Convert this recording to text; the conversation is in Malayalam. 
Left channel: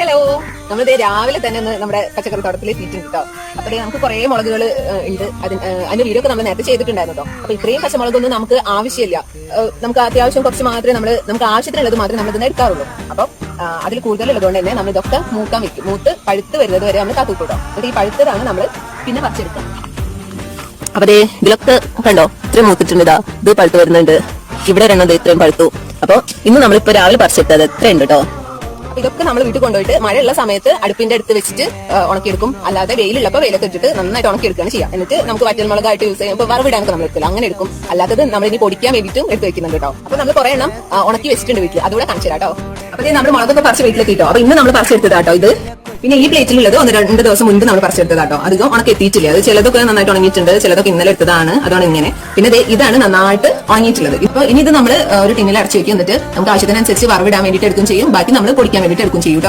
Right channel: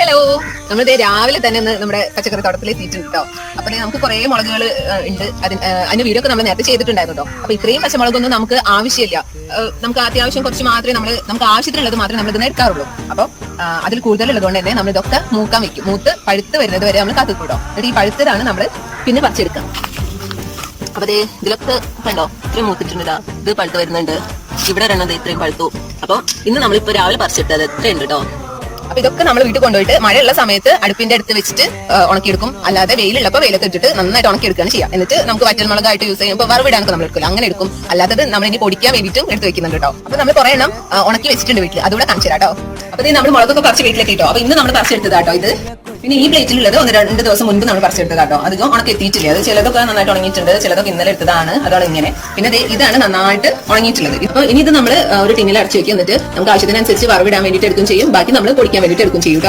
ഹലോ, നമ്മളിത് രാവിലെ തന്നെ നമ്മുടെ പച്ചക്കറി തോട്ടത്തിൽ എത്തിയിട്ടുണ്ട് കേട്ടോ. അപ്പൊ നമുക്ക് കുറെ മുളകുകൾ ഉണ്ട്. അതിന്റെ വീഡിയോ ഒക്കെ നമ്മൾ നേരത്തെ ചെയ്തിട്ടുണ്ടായിരുന്നു കേട്ടോ. അപ്പൊ ഇത്രയും പച്ചമുളകൊന്നും നമുക്ക് ആവശ്യമില്ല. നമുക്ക് അത്യാവശ്യം കുറച്ച് മാത്രമേ നമുക്ക് ആവശ്യത്തിനുള്ളത് മാത്രമേ നമ്മൾ ഇതിനെ എടുക്കാറുള്ളൂ. അപ്പൊ അതിൽ കൂടുതലുള്ളതുകൊണ്ട് തന്നെ നമ്മൾ ഇതൊക്കെ മൂക്കാൻ വെക്കും. മൂത്ത് പഴുത്ത് വരുന്നത് വരെ നമ്മൾ കാത്തുകൂട്ടോ. എന്നിട്ട് ഈ പഴുത്തതാണ് നമ്മൾ പിന്നെ പറിച്ചെടുക്കാം. അപ്പൊ ഇതിലൊക്കെ കണ്ടോ, ഇത്രയും മൂത്തിട്ടുണ്ട്. ഇത് പഴുത്ത് വരുന്നുണ്ട്. ഇവിടെ ഒരെണ്ണം ഇത്രയും പഴുത്തു. അപ്പൊ ഇന്ന് നമ്മളിപ്പോ രാവിലെ പറിച്ചെടുത്തത് എത്രയുണ്ട് കേട്ടോ. അപ്പൊ ഇതൊക്കെ നമ്മൾ വീട്ടിൽ കൊണ്ടുപോയിട്ട് മഴയുള്ള സമയത്ത് അടുപ്പിന്റെ അടുത്ത് വെച്ചിട്ട് ഉണക്കിയെടുക്കും. അല്ലാതെ വെയിലുള്ളപ്പോൾ വെയിലത്ത് ഇട്ടിട്ട് നന്നായിട്ട് ഉണക്കിയെടുക്കുകയാണ് ചെയ്യുക. എന്നിട്ട് നമുക്ക് വറ്റൽമുളകായിട്ട് യൂസ് ചെയ്യും. ഇപ്പൊ വറവിടാനൊക്കെ നമ്മൾ എടുക്കില്ല, അങ്ങനെ എടുക്കും. അല്ലാത്തത് നമ്മൾ ഇനി പൊടിക്കാൻ വേണ്ടിയിട്ടും എടുത്ത് വെക്കുന്നുണ്ട് കേട്ടോ. അപ്പൊ നമ്മൾ കുറെ എണ്ണം ഉണക്കി വെച്ചിട്ടുണ്ട് വീട്ടിൽ, അതുകൂടെ കാണിച്ചു തരാം കേട്ടോ. അപ്പൊ നമ്മൾ മുളകൊക്കെ പറിച്ച് വീട്ടിലേക്ക് ഇട്ടോ. അപ്പൊ ഇന്ന് നമ്മൾ പറിച്ചെടുത്തതാട്ടോ ഇത്. പിന്നെ ഈ പ്ലേറ്റിലുള്ളത് 1-2 ദിവസം മുൻപ് നമ്മൾ പറിച്ചെടുത്തതാട്ടോ. അധികം ഉണക്കി എത്തിയിട്ടില്ല. അത് ചിലതൊക്കെ നന്നായിട്ട് ഉണങ്ങിയിട്ടുണ്ട്, ചിലതൊക്കെ ഇന്നലെ എടുത്തതാണ്. അതാണ് ഇങ്ങനെ. പിന്നെ ഇതാണ് നന്നായിട്ട് ഉണങ്ങിയിട്ടുള്ളത്. ഇപ്പൊ ഇനി ഇത് നമ്മൾ ഒരു ടിന്നിൽ അടച്ചു വെക്കും. എന്നിട്ട് നമുക്ക് ആവശ്യത്തിനനുസരിച്ച് വറവിടാൻ വേണ്ടിയിട്ട് എടുക്കും ചെയ്യും. ബാക്കി നമ്മൾ പൊടിക്കാൻ വേണ്ടിയിട്ട് എടുക്കും ചെയ്യും.